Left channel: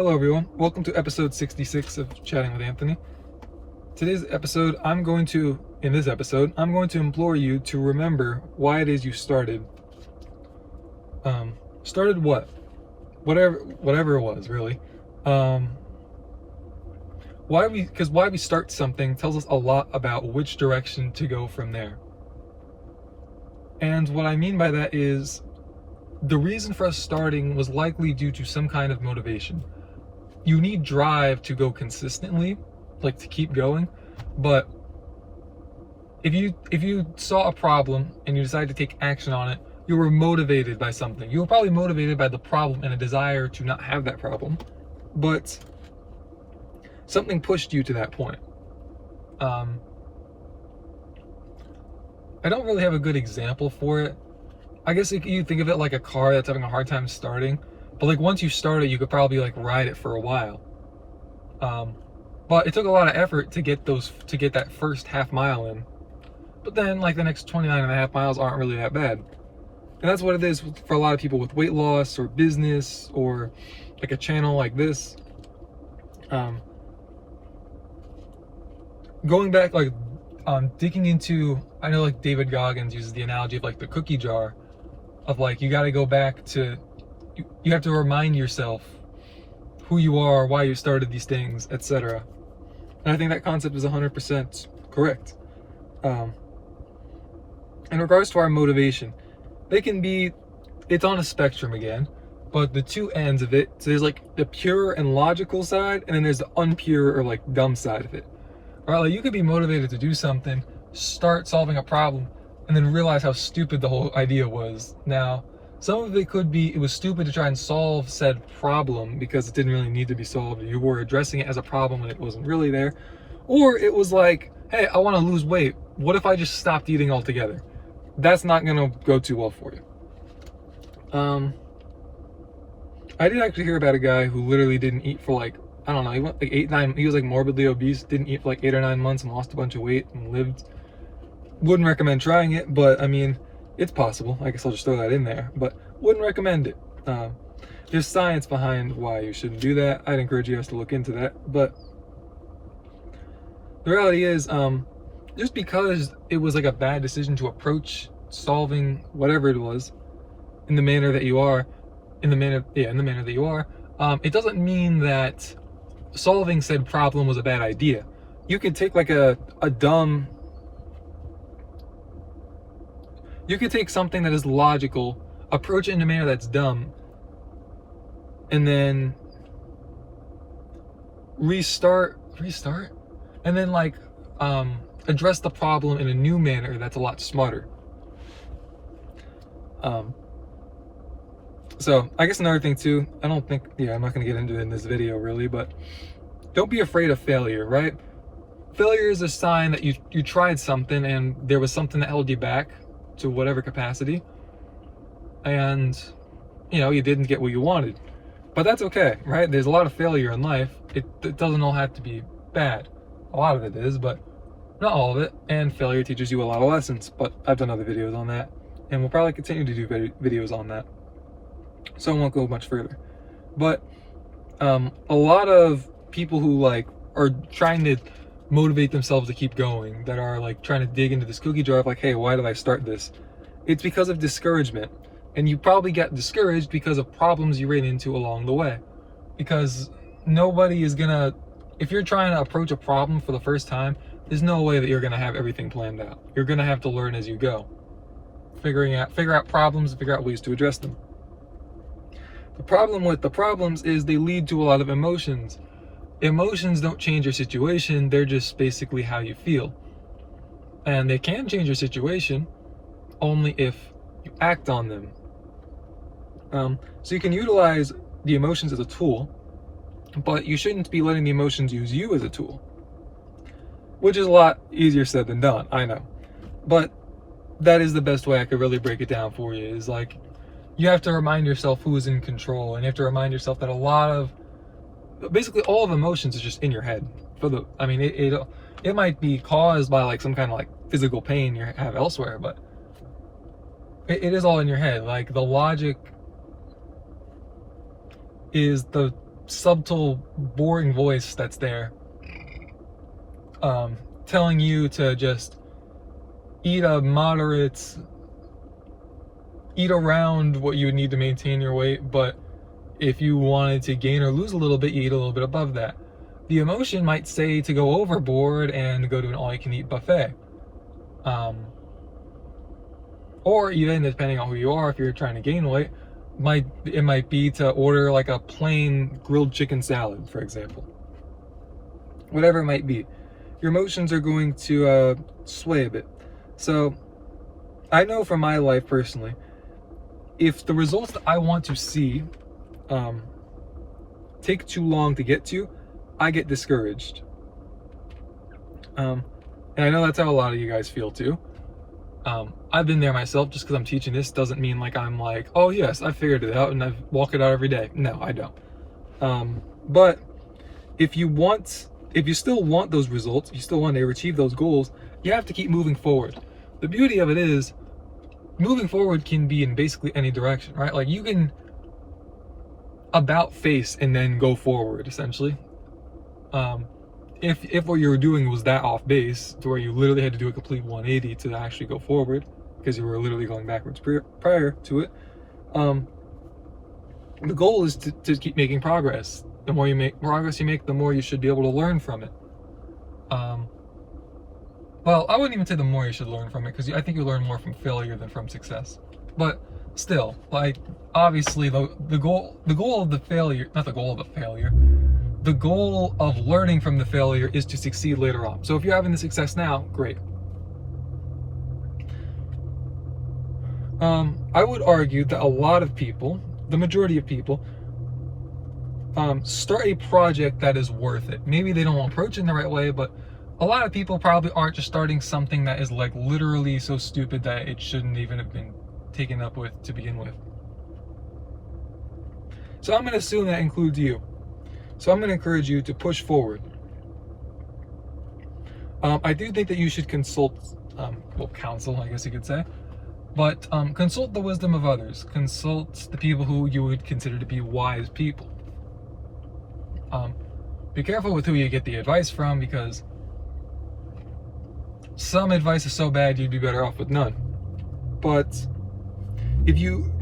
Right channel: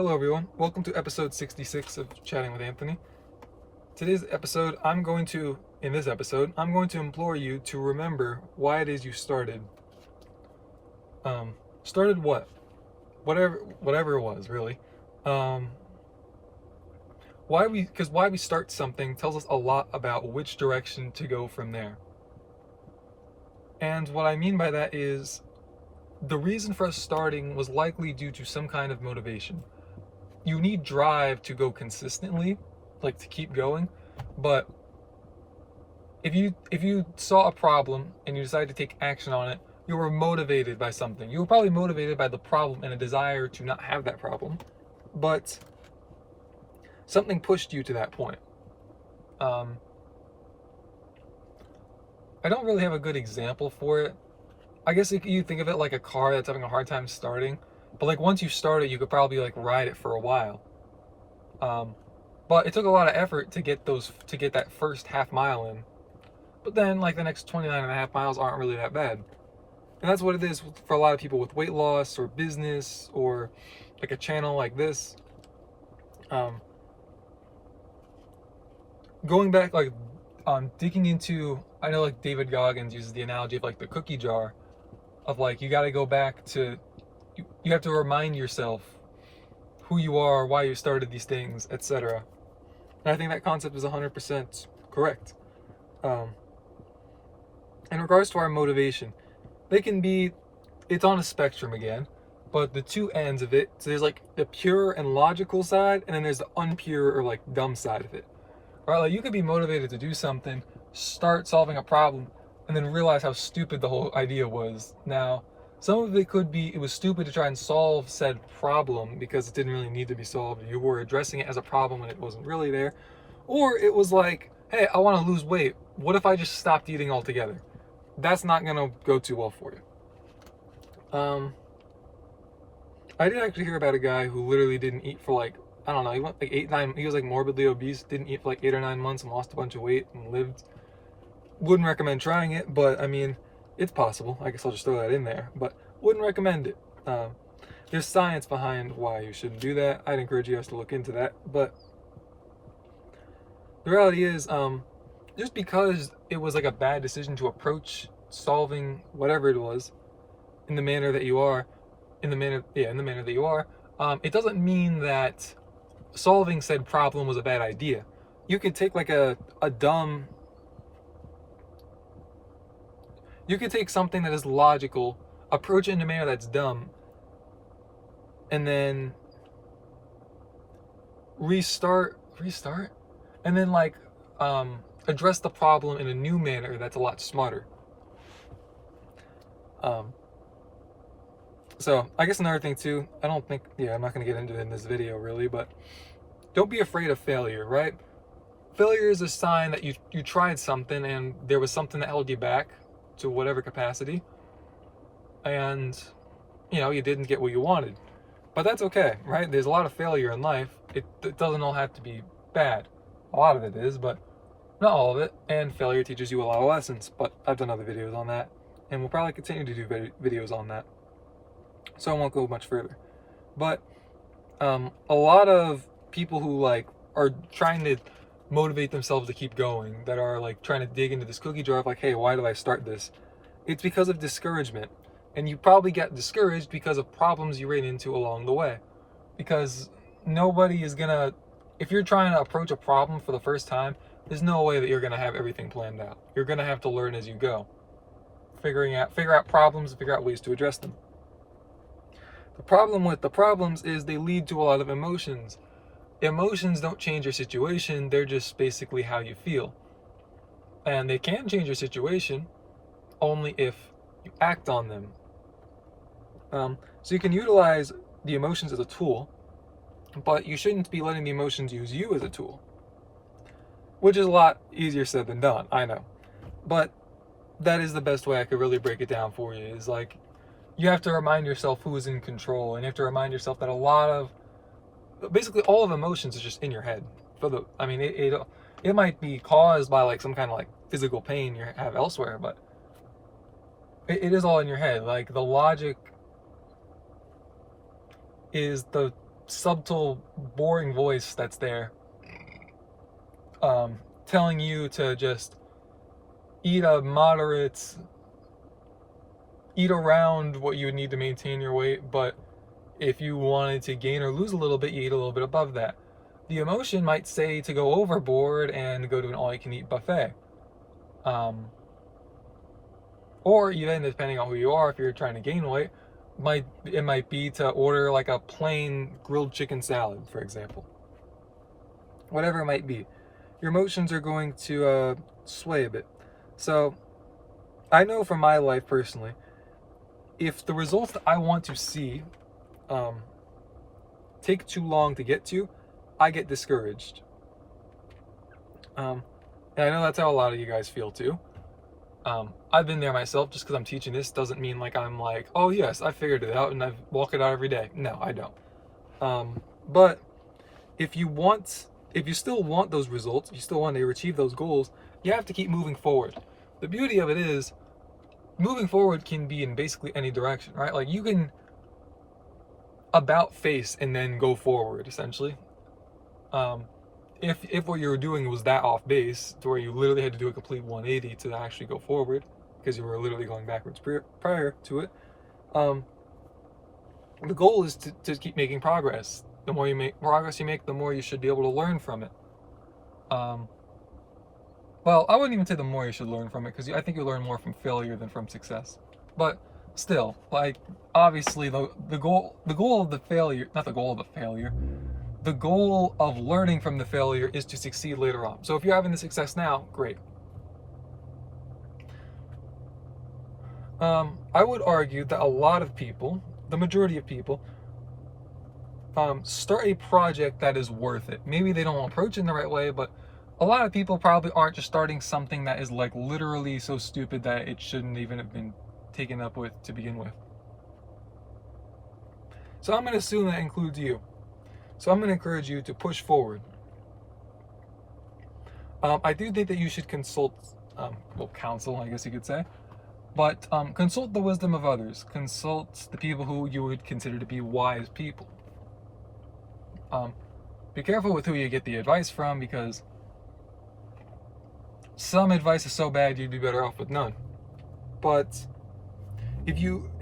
Hello everyone, welcome to episode 66 of Chatting with Anthony. Today's episode, in this episode, I'm going to implore you to remember why it is you started. Started what? Whatever it was, really. Why we start something tells us a lot about which direction to go from there. And what I mean by that is, the reason for us starting was likely due to some kind of motivation. You need drive to go consistently, like to keep going, but if you saw a problem and you decided to take action on it, you were motivated by something. You were probably motivated by the problem and a desire to not have that problem, but something pushed you to that point. I don't really have a good example for it. I guess you think of it like a car that's having a hard time starting, but like once you start it, you could probably like ride it for a while. But it took a lot of effort to get that first half mile in. But then like the next 29 and a half miles aren't really that bad. And that's what it is for a lot of people with weight loss or business or like a channel like this. Going back, like digging into, I know like David Goggins uses the analogy of like the cookie jar, of like you got to go back to, you have to remind yourself who you are, why you started these things, etc. And I think that concept is 100% correct. In regards to our motivation, it's on a spectrum again, but the two ends of it, so there's like the pure and logical side, and then there's the unpure or like dumb side of it. All right, like you could be motivated to do something, start solving a problem, and then realize how stupid the whole idea was. Now, some of it could be it was stupid to try and solve said problem because it didn't really need to be solved. You were addressing it as a problem when it wasn't really there. Or it was like, hey, I want to lose weight. What if I just stopped eating altogether? That's not going to go too well for you. I did actually hear about a guy who literally didn't eat for like, I don't know, he went like he was like morbidly obese, didn't eat for like 8 or 9 months and lost a bunch of weight and lived. Wouldn't recommend trying it, but I mean, it's possible. I guess I'll just throw that in there, but wouldn't recommend it. There's science behind why you shouldn't do that. I'd encourage you guys to look into that, but the reality is, just because it was like a bad decision to approach solving whatever it was in the manner that you are, it doesn't mean that solving said problem was a bad idea. You could take like you could take something that is logical, approach it in a manner that's dumb, and then restart, and then like address the problem in a new manner that's a lot smarter. So I guess another thing too, I'm not gonna get into it in this video really, but don't be afraid of failure, right? Failure is a sign that you tried something and there was something that held you back to whatever capacity, and you didn't get what you wanted. But that's okay, right? There's a lot of failure in life. It doesn't all have to be bad. A lot of it is, but not all of it. And failure teaches you a lot of lessons, but I've done other videos on that, and we'll probably continue to do videos on that, so I won't go much further. But a lot of people who like are trying to motivate themselves to keep going, that are like trying to dig into this cookie jar of like, hey, why did I start this? It's because of discouragement. And you probably got discouraged because of problems you ran into along the way. Because nobody is gonna, if you're trying to approach a problem for the first time, there's no way that you're gonna have everything planned out. You're gonna have to learn as you go. Figure out problems, figure out ways to address them. The problem with the problems is they lead to a lot of emotions. Emotions don't change your situation, they're just basically how you feel. And they can change your situation only if you act on them. So you can utilize the emotions as a tool, but you shouldn't be letting the emotions use you as a tool. Which is a lot easier said than done, I know. But that is the best way I could really break it down for you, is like, you have to remind yourself who is in control, and you have to remind yourself that basically all of emotions is just in your head. It might be caused by like some kind of like physical pain you have elsewhere, but it is all in your head. Like the logic is the subtle, boring voice that's there, telling you to just eat around what you would need to maintain your weight, but if you wanted to gain or lose a little bit, you eat a little bit above that. The emotion might say to go overboard and go to an all-you-can-eat buffet. Or even, depending on who you are, if you're trying to gain weight, it might be to order like a plain grilled chicken salad, for example. Whatever it might be. Your emotions are going to sway a bit. So, I know from my life personally, if the results that I want to see take too long to get to, I get discouraged. And I know that's how a lot of you guys feel too. I've been there myself. Just because I'm teaching this doesn't mean like I'm like, oh yes, I figured it out and I walk it out every day. No, I don't. But if you still want those results, you still want to achieve those goals, you have to keep moving forward. The beauty of it is, moving forward can be in basically any direction, right? Like you can about face and then go forward, essentially. If what you were doing was that off base, to where you literally had to do a complete 180 to actually go forward, because you were literally going backwards prior to it, the goal is to keep making progress. The more progress you make, the more you should be able to learn from it. Well, I wouldn't even say the more you should learn from it, because I think you learn more from failure than from success. But still, like, obviously the goal of the failure, not the goal of the failure, the goal of learning from the failure is to succeed later on. So if you're having the success now, great. I would argue that a lot of people, the majority of people, start a project that is worth it. Maybe they don't approach it in the right way, but a lot of people probably aren't just starting something that is like literally so stupid that it shouldn't even have been taken up with to begin with. So I'm going to assume that includes you. So I'm going to encourage you to push forward. I do think that you should consult, counsel, I guess you could say. But consult the wisdom of others. Consult the people who you would consider to be wise people. Be careful with who you get the advice from, because some advice is so bad you'd be better off with none. But if you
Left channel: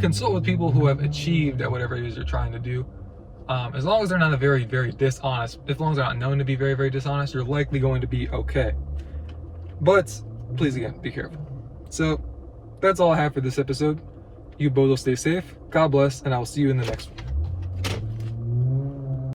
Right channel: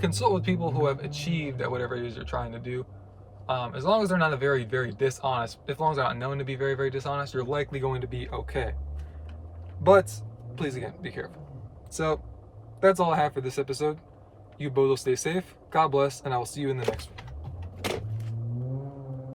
consult with people who have achieved at whatever it is you're trying to do, as long as they're not very, very dishonest, as long as they're not known to be very, very dishonest, you're likely going to be okay. But please, again, be careful. So that's all I have for this episode. You both will stay safe. God bless, and I will see you in the next one.